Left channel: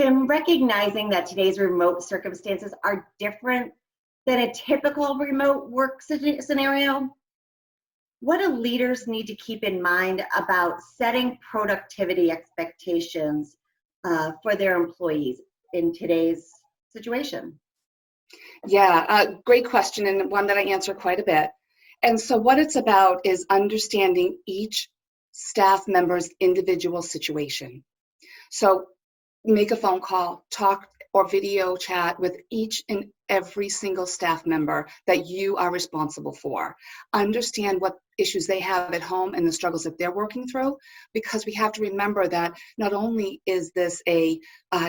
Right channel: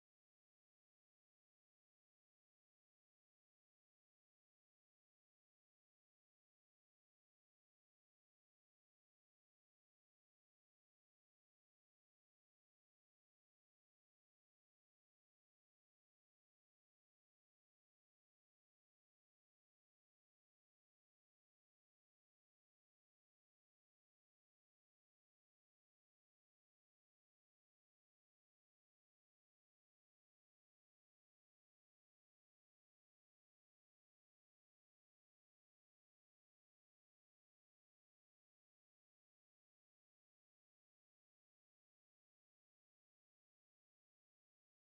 Kim, recognizing that today's remote circumstances are different than a typical remote work scenario, what do leaders need to keep in mind about setting productivity expectations for their employees in today's situation? Yeah, great question, and one that I answer quite a bit. And so, what it's about is understanding each staff member's individual situation. So, make a phone call, talk or video chat with each and every single staff member that you are responsible for. Understand what issues they have at home and the struggles that they're working through, because we have to remember that not only is this a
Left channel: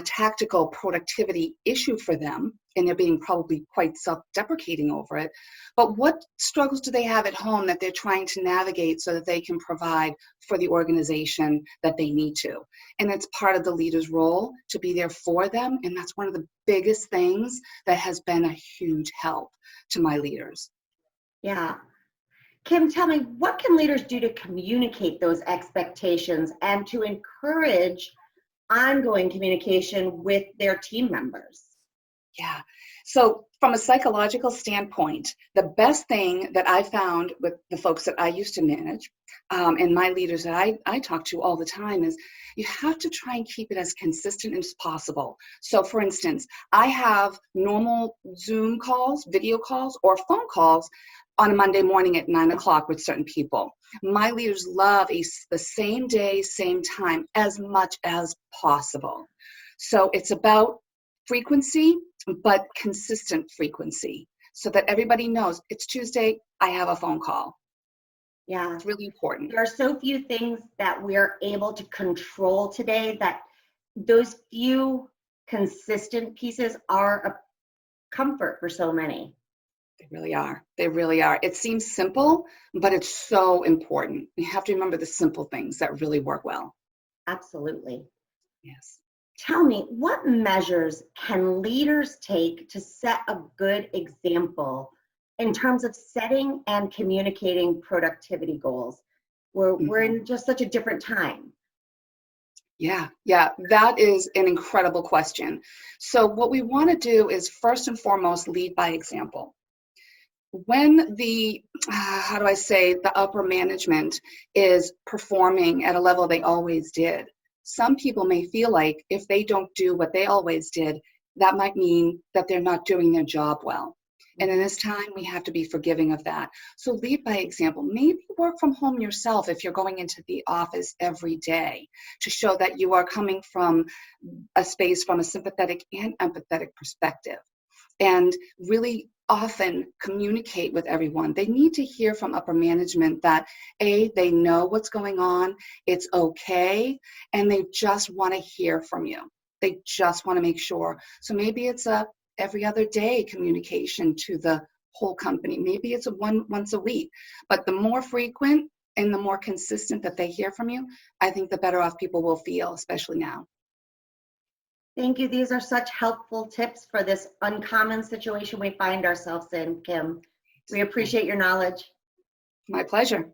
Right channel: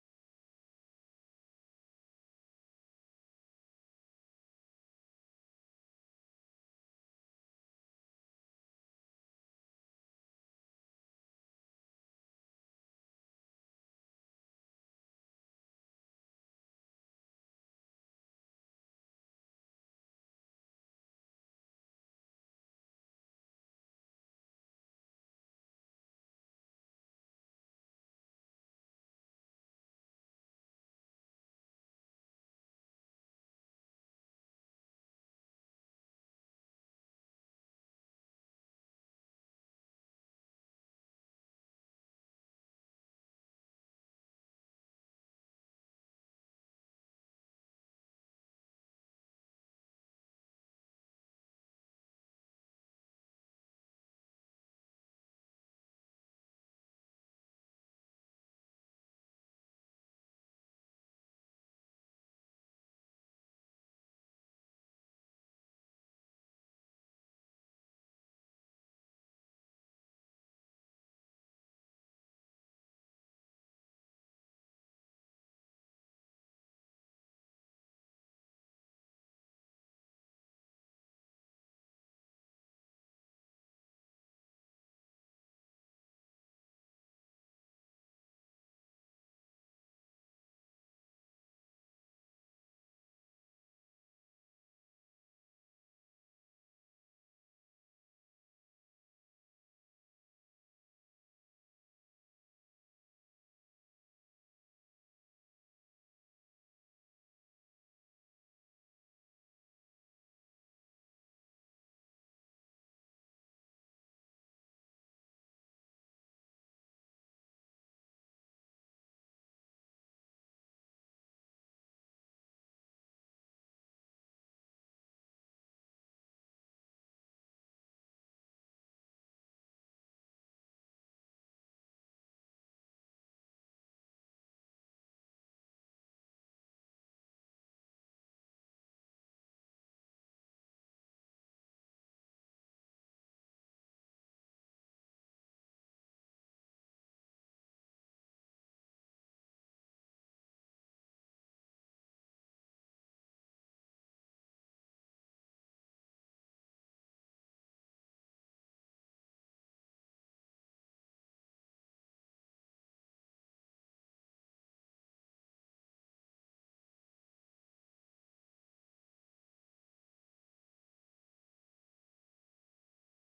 tactical productivity issue for them, and they're being probably quite self-deprecating over it, but what struggles do they have at home that they're trying to navigate so that they can provide for the organization that they need to. And it's part of the leader's role to be there for them, and that's one of the biggest things that has been a huge help to my leaders. Yeah. Kim, tell me, what can leaders do to communicate those expectations and to encourage ongoing communication with their team members? Yeah. So, from a psychological standpoint, the best thing that I found with the folks that I used to manage and my leaders that I talk to all the time is you have to try and keep it as consistent as possible. So, for instance, I have normal Zoom calls, video calls, or phone calls on a Monday morning at 9 o'clock with certain people. My leaders love the same day, same time as much as possible. So, it's about frequency, but consistent frequency so that everybody knows it's Tuesday, I have a phone call. Yeah. It's really important. There are so few things that we're able to control today that those few consistent pieces are a comfort for so many. They really are. They really are. It seems simple, but it's so important. You have to remember the simple things that really work well. Absolutely. Yes. Tell me, what measures can leaders take to set a good example in terms of setting and communicating productivity goals? We're Mhm. in just such a different time. Yeah, that is an incredible question. So, what we want to do is first and foremost lead by example. When how do I say, the upper management is performing at a level they always did, some people may feel like if they don't do what they always did, that might mean that they're not doing their job well. And in this time, we have to be forgiving of that. So lead by example. Maybe work from home yourself if you're going into the office every day to show that you are coming from a space from a sympathetic and empathetic perspective, and really often communicate with everyone. They need to hear from upper management that they know what's going on, it's okay, and they just want to hear from you. They just want to make sure. So maybe it's a every other day communication to the whole company. Maybe it's once a week. But the more frequent and the more consistent that they hear from you, I think the better off people will feel, especially now. Thank you. These are such helpful tips for this uncommon situation we find ourselves in, Kim. We appreciate your knowledge. My pleasure.